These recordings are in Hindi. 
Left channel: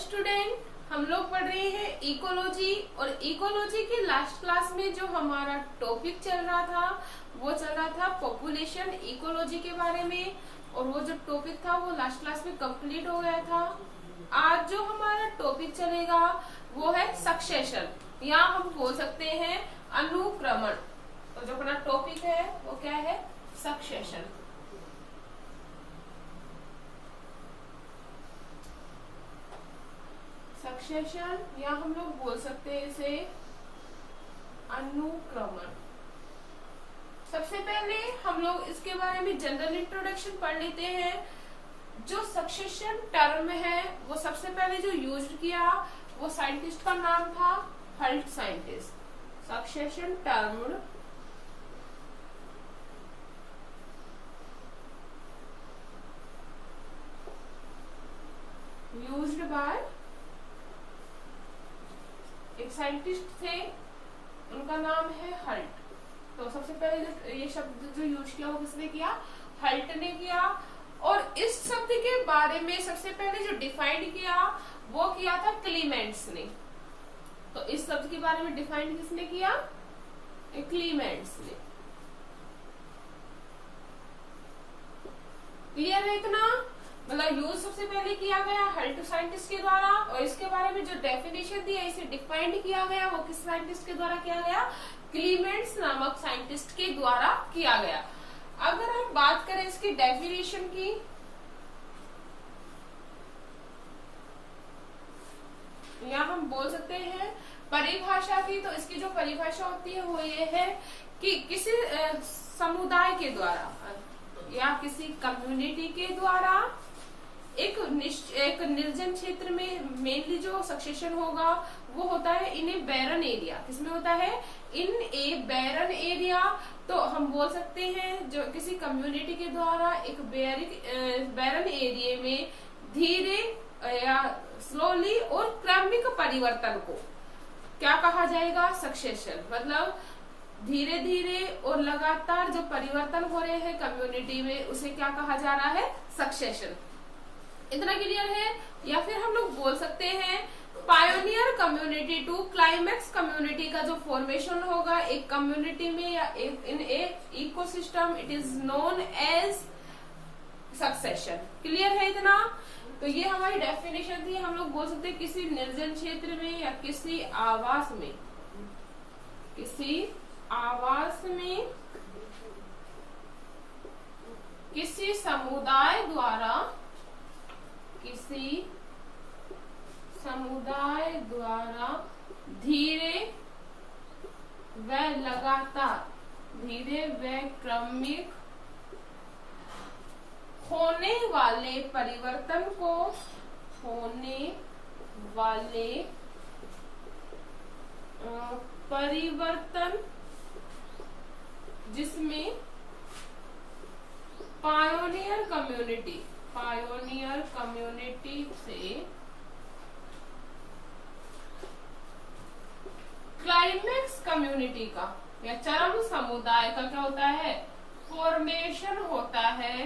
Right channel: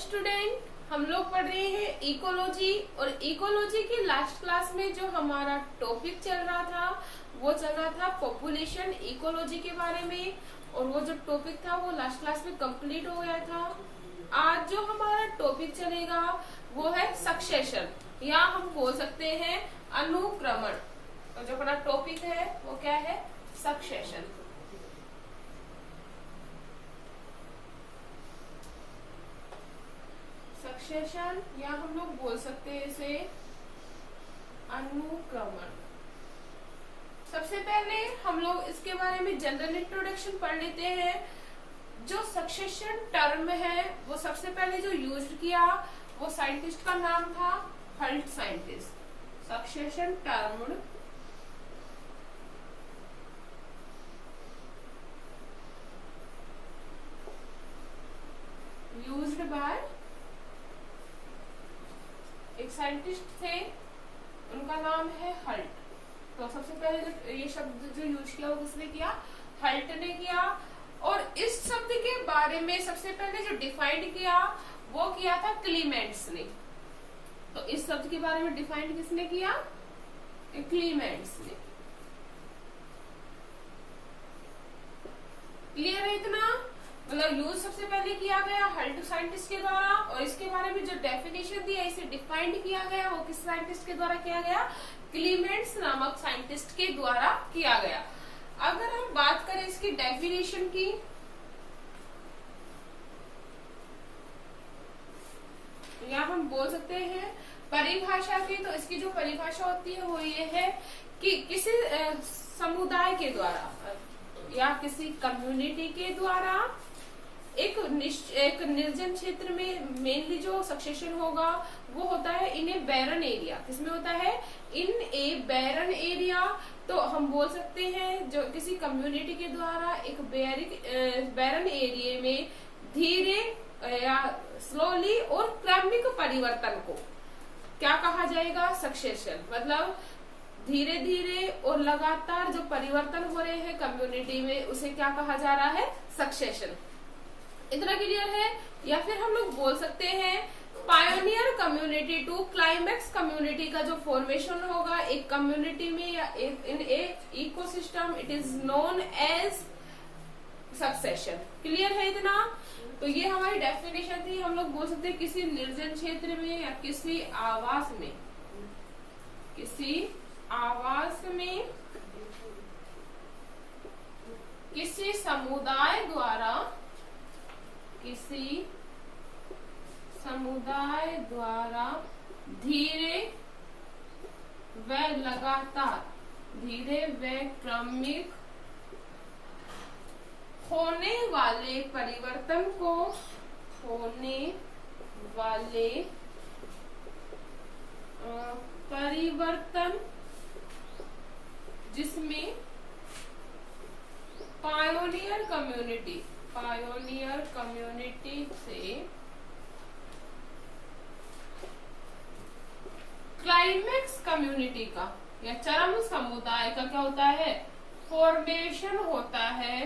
स्टूडेंट, हम लोग पढ़ रहे हैं इकोलॉजी। और इकोलॉजी के लास्ट क्लास में जो हमारा टॉपिक चल रहा था वो चल रहा था पॉपुलेशन इकोलॉजी के बारे में। और वो जो टॉपिक था वो लास्ट क्लास में कंप्लीट हो गया था। आज जो हमारा टॉपिक चलेगा वो है सक्सेशन, या हम बोल सकते हैं अनुक्रमण। तो जो अपना टॉपिक है वो क्या है? सक्सेशन। सक्सेशन या हम लोग बोल सकते हैं इसे अनुक्रमण। सबसे पहले हम लोग इसके बारे में जनरल इंट्रोडक्शन पढ़ लेते हैं। जो सक्सेशन टर्म है वो सबसे पहले जो यूज किया वो साइंटिस्ट का नाम था Hult scientist. Succession term used by एक साइंटिस्ट थे, उनका नाम है हल्ट। तो सबसे पहले ये शब्द जो यूज किया वो किसने किया? हल्ट ने किया। और इस शब्द के बारे में सबसे पहले जो डिफाइन किया वो किया था क्लीमेंट्स ने। तो इस शब्द के बारे में डिफाइन किसने किया? क्लीमेंट्स ने। क्लियर है इतना? मतलब यूज सबसे पहले किया गया हल्ट साइंटिस्ट के द्वारा, और इसके बारे में जो डेफिनेशन दी है, इसे डिफाइंड किया गया वो किस साइंटिस्ट के द्वारा किया गया? क्लीमेंट्स नामक साइंटिस्ट के द्वारा किया गया। अगर हम बात करें इसकी डेफिनेशन की, या हम बोल सकते हैं परिभाषा की, तो इसकी जो परिभाषा होती है वो ये है कि किसी समुदाय के द्वारा या किसी कम्युनिटी के द्वारा एक निर्जन क्षेत्र में मेनली जो सक्सेशन होगा वो होता है इन ए बैरन एरिया। किसमें होता है? इन ए बैरन एरिया। तो हम बोल सकते हैं जो किसी कम्युनिटी के द्वारा एक बैरन एरिया में धीरे या स्लोली और क्रमिक परिवर्तन को क्या कहा जाएगा? सक्सेशन। मतलब धीरे धीरे और लगातार जो परिवर्तन हो रहे हैं कम्युनिटी में उसे क्या कहा जा रहा है? सक्सेशन। इतना क्लियर है? या फिर हम लोग बोल सकते हैं pioneer community to climax community का जो फॉर्मेशन होगा एक कम्युनिटी में या in a ecosystem, it is known as succession. Clear है इतना? तो ये हमारी डेफिनेशन थी। हम लोग बोल सकते हैं किसी निर्जन क्षेत्र में या किसी आवास में किसी समुदाय द्वारा धीरे व लगातार, धीरे व क्रमिक होने वाले परिवर्तन को जिसमें पायोनियर कम्युनिटी से क्लाइमेक्स कम्युनिटी का या चरम समुदाय का क्या होता है? फॉर्मेशन होता है।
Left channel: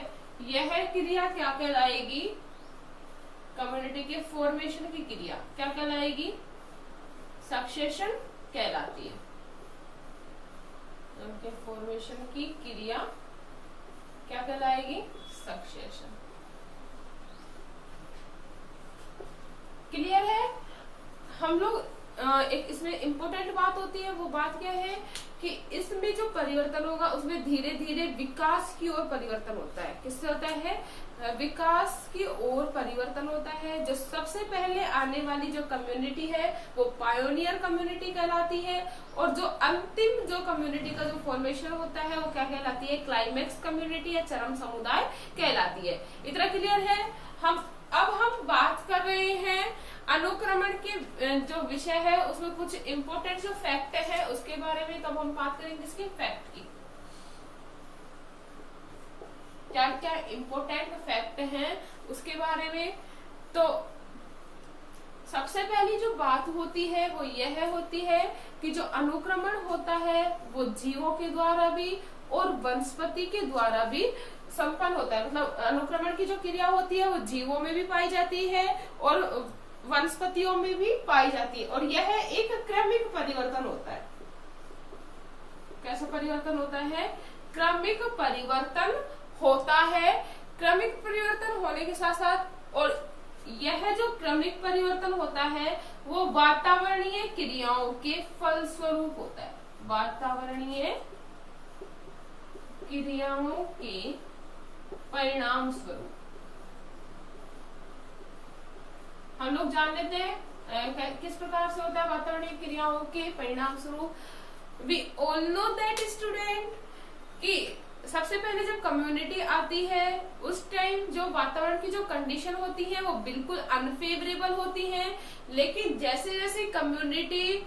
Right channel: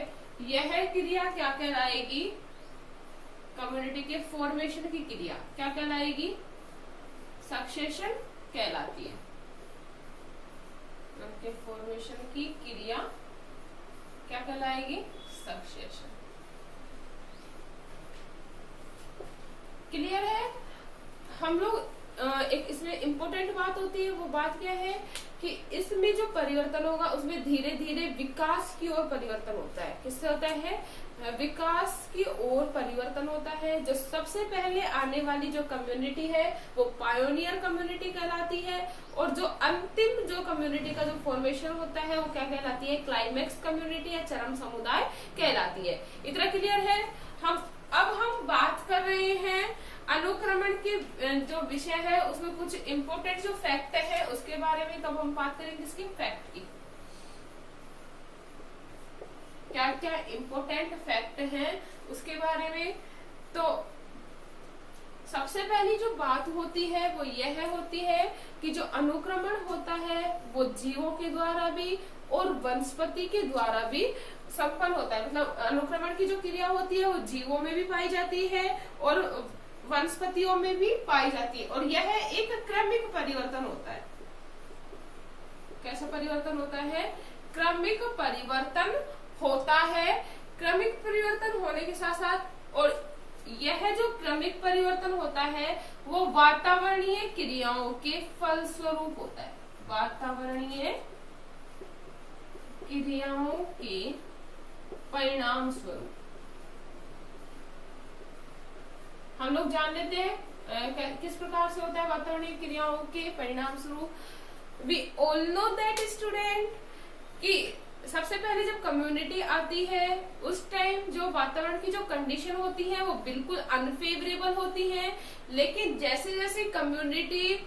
यह क्रिया क्या कहलाएगी? कम्युनिटी के फॉर्मेशन की क्रिया क्या कहलाएगी? सक्सेशन कहलाती है। उनके फॉर्मेशन की क्रिया क्या कहलाएगी? सक्सेशन। क्लियर है? हम लोग एक इसमें इम्पोर्टेंट बात होती है, वो बात क्या है कि इसमें जो परिवर्तन होगा उसमें धीरे धीरे विकास की ओर परिवर्तन होता है। किससे होता है? विकास की ओर परिवर्तन होता है। जो सबसे पहले आने वाली जो कम्युनिटी है वो पायोनियर कम्युनिटी कहलाती है, और जो अंतिम जो कम्युनिटी का जो फॉर्मेशन होता है वो क्या कहलाती है? क्लाइमेक्स कम्युनिटी या चरम समुदाय कहलाती है। इतना क्लियर है? अब हम बात कर रहे हैं अनुक्रमण के जो विषय है उसमें कुछ इम्पोर्टेंट जो फैक्ट है उसके बारे में। तब हम बात करेंगे इसके फैक्ट की, क्या क्या इम्पोर्टेंट फैक्ट हैं उसके बारे में। तो सबसे पहली जो बात होती है वो यह होती है कि जो अनुक्रमण होता है वो जीवों के द्वारा भी और वनस्पति के द्वारा भी संपन्न होता है। मतलब अनुक्रमण की जो क्रिया होती है वो जीवों में भी पाई जाती है और वनस्पतियों में भी पाई जाती है, और यह एक क्रमिक परिवर्तन होता है। कैसा परिवर्तन होता है? क्रमिक परिवर्तन होता है। क्रमिक परिवर्तन होने के साथ साथ, और यह जो क्रमिक परिवर्तन होता है वो वातावरणीय क्रियाओं के फलस्वरूप होता है। वातावरणीय क्रियाओं के परिणाम स्वरूप। हम लोग जान लेते हैं किस प्रकार से होता है वातावरणीय क्रियाओं के परिणाम स्वरूप। We all know that student कि सबसे पहले जब कम्युनिटी आती है उस टाइम जो वातावरण की जो कंडीशन होती है वो बिल्कुल अनफेवरेबल होती है, लेकिन जैसे जैसे कम्युनिटी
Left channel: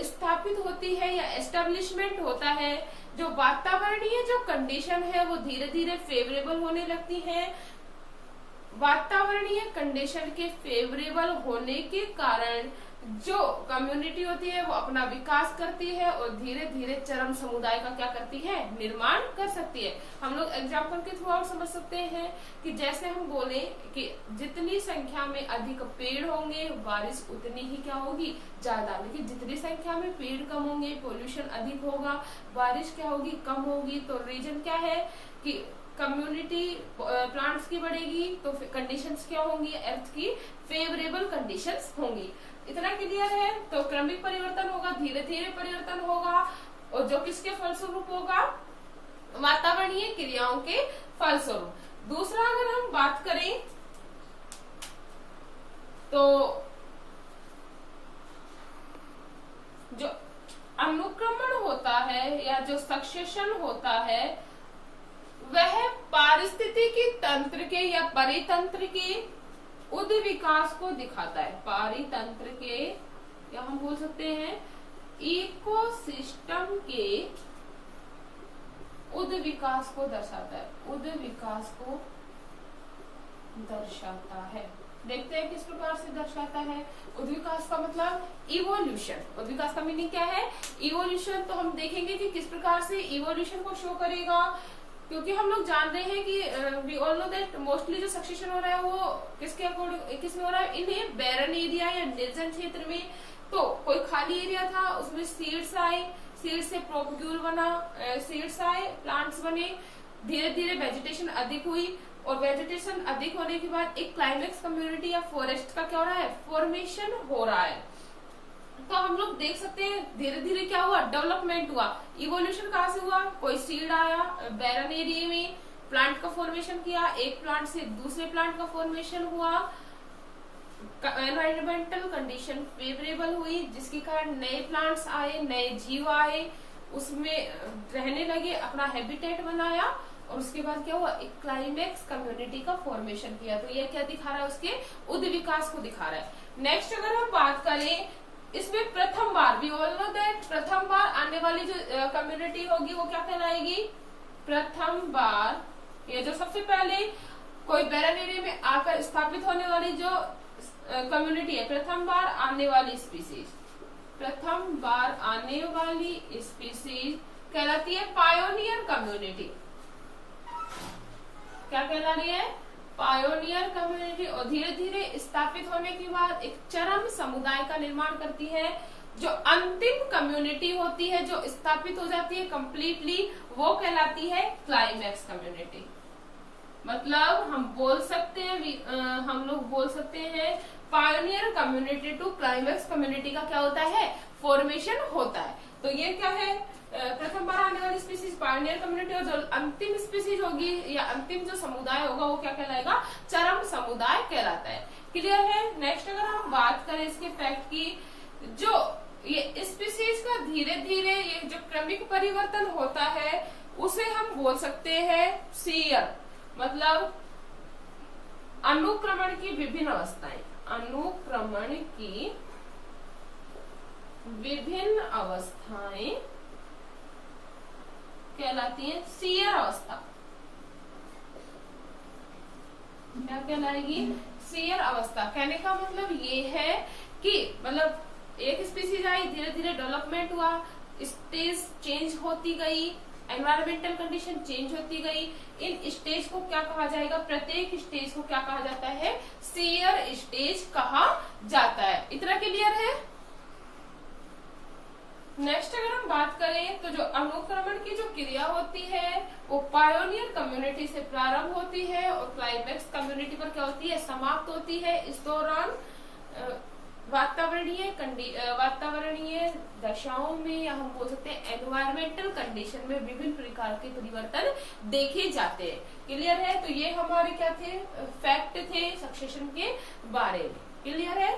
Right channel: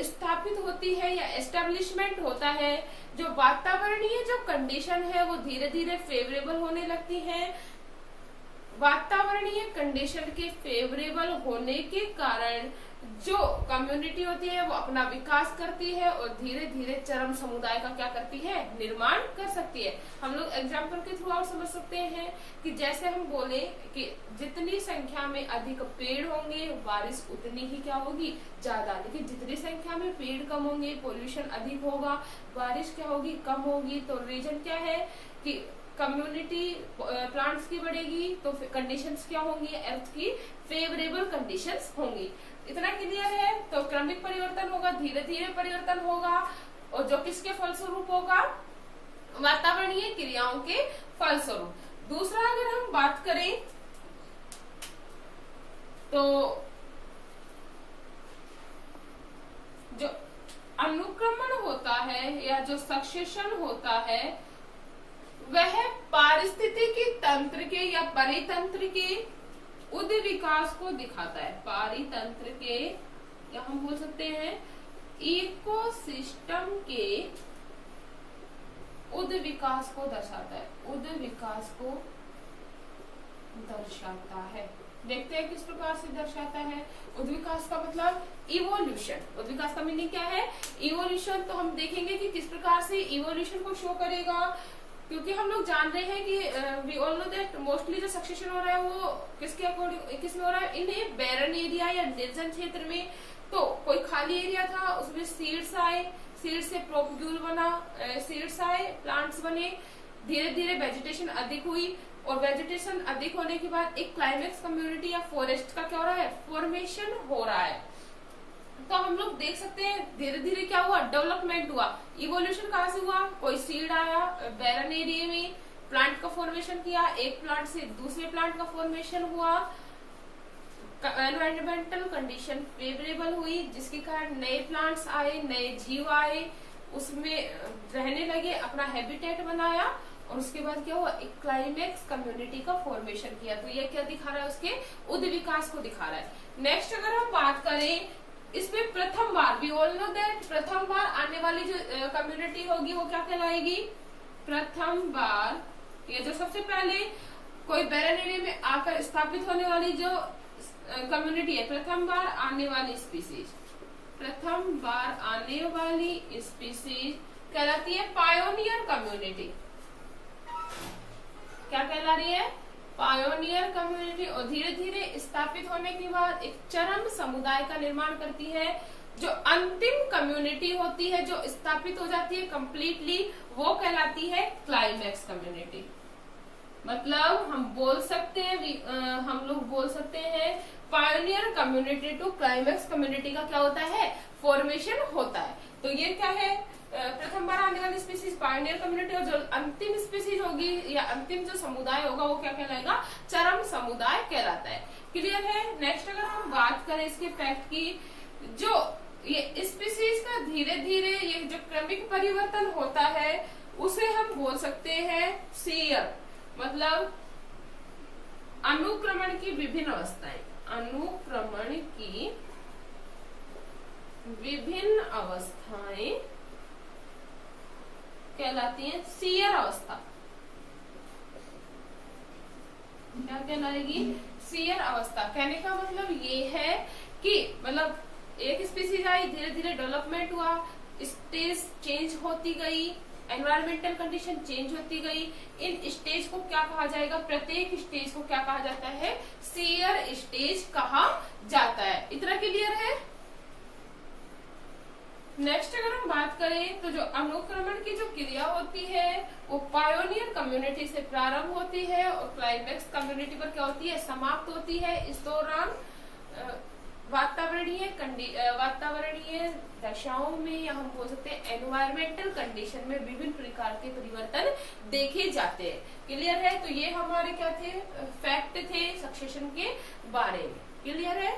स्थापित होती है या एस्टेब्लिशमेंट होता है, जो वातावरणीय जो कंडीशन है वो धीरे धीरे फेवरेबल होने लगती है। वातावरणीय कंडीशन के फेवरेबल होने के कारण जो कम्युनिटी होती है वो अपना विकास करती है और धीरे धीरे चरम समुदाय का क्या करती है? निर्माण कर सकती है। हम लोग एग्जाम्पल के थ्रू आउट समझ सकते हैं कि जैसे हम बोले कि जितनी संख्या में अधिक पेड़ होंगे बारिश उतनी ही क्या होगी? ज्यादा। लेकिन जितनी संख्या में पेड़ कम होंगे पोल्यूशन अधिक होगा, बारिश क्या होगी? कम होगी। तो रीजन क्या है कि कम्युनिटी प्लांट्स की बढ़ेगी तो कंडीशंस क्या होंगी? अर्थ की फेवरेबल कंडीशंस होंगी। इतना क्लियर है? तो क्रमिक परिवर्तन होगा, धीरे धीरे परिवर्तन होगा, और जो किसके फलस्वरूप होगा? वातावरणीय क्रियाओं के फलस्वरूप। दूसरा अगर हम बात करें तो जो अनुक्रमण होता है या जो सक्सेशन होता है वह पारिस्थितिकी तंत्र के या परितंत्र के उद विकास को दिखाता है। पारितंत्र के या हम बोल सकते हैं इकोसिस्टम के उद विकास को दर्शाता है। उद विकास को दर्शाता है। देखते हैं किस प्रकार से दर्शाता है। उद्विकास का मतलब इवोल्यूशन। उद्विकास का मीनिंग क्या है? इवोल्यूशन। तो हम देखेंगे कि किस प्रकार से इवोल्यूशन को शो करेगा, क्योंकि हम लोग जान रहे हैं कि we all know that mostly जो सक्सेशन हो रहा है वो किसके अकॉर्डिंग किसमें हो रहा है? इन बैरन एरिया या निर्जन क्षेत्र में। तो कोई खाली एरिया था उसमें सीड्स आए, सीड्स से प्रोपग्यूल बना, सीड्स आए, प्लांट्स बने, धीरे धीरे वेजिटेशन अधिक हुई, और वेजिटेशन अधिक होने के बाद एक क्लाइमेक्स कम्युनिटी या फॉरेस्ट का क्या हो रहा है? फॉर्मेशन हो रहा है। तो हम लोग देख सकते हैं धीरे धीरे क्या हुआ? डेवलपमेंट हुआ। इवोल्यूशन कहाँ से हुआ? कोई सीड आया, बैरन एरिया में प्लांट का फॉर्मेशन किया, एक प्लांट से दूसरे प्लांट का फॉर्मेशन हुआ, एनवायरमेंटल कंडीशन फेवरेबल हुई जिसके कारण नए प्लांट्स आए, नए जीव आए, उसमें रहने लगे, अपना हैबिटेट बनाया, और उसके बाद क्या हुआ? एक क्लाइमेक्स कम्युनिटी का फॉर्मेशन किया। तो ये क्या दिखा रहा है? उसके उद विकास को दिखा रहा है। नेक्स्ट अगर हम बात करें इसमें प्रथम बार, वी ऑल नो दैट प्रथम बार आने वाली जो कम्युनिटी होगी वो क्या कहलाएगी? प्रथम बार। ये जो सबसे पहले कोई बैरन एरिया में आकर स्थापित होने वाली जो कम्युनिटी है, प्रथम बार आने वाली स्पीसीज, प्रथम बार आने वाली स्पीसीज कहलाती है पायोनियर कम्युनिटी। क्या कहला रही है? Pioneer community. और धीरे धीरे स्थापित होने के बाद एक चरम समुदाय का निर्माण करती है। जो अंतिम कम्युनिटी होती है जो स्थापित हो जाती है कंप्लीटली, वो कहलाती है क्लाइमेक्स कम्युनिटी। मतलब हम बोल सकते हैं, हम लोग बोल सकते हैं pioneer community to climax community का क्या होता है? फॉर्मेशन होता है। तो ये क्या है? प्रथम बार आने वाली स्पीसीज पायोनियर कम्युनिटी, और जो अंतिम स्पीसीज होगी या अंतिम जो समुदाय होगा वो क्या कहलाएगा? चरम समुदाय कहलाता है। क्लियर है? नेक्स्ट अगर हम बात करें इसके फैक्ट की, जो ये स्पीसीज का धीरे धीरे ये जो क्रमिक परिवर्तन होता है उसे हम बोल सकते हैं सीयर, मतलब अनुक्रमण की विभिन्न अवस्थाएं। अनुक्रमण की विभिन्न अवस्थाएं कहलाती है सीयर अवस्था। क्या कहलाएगी? सीयर अवस्था। कहने का मतलब ये है कि मतलब एक स्पीसीज आई, धीरे धीरे डेवलपमेंट हुआ, स्टेज चेंज होती गई, एनवायरमेंटल कंडीशन चेंज होती गई। इन स्टेज को क्या कहा जाएगा, प्रत्येक स्टेज को क्या कहा जाता है, शियर स्टेज कहा जाता है। इतना क्लियर है। नेक्स्ट अगर हम बात करें तो जो अनुक्रमण की जो क्रिया होती है वो पायोनियर कम्युनिटी से प्रारंभ होती है और क्लाइमेक्स कम्युनिटी पर क्या होती है, समाप्त होती है। इस दौरान वातावरणीय दशाओं में, या हम बोल सकते हैं एनवायरमेंटल कंडीशन में विभिन्न प्रकार के परिवर्तन देखे जाते हैं। क्लियर है। तो ये हमारे क्या थे, फैक्ट थे सक्सेशन के बारे में। क्लियर है।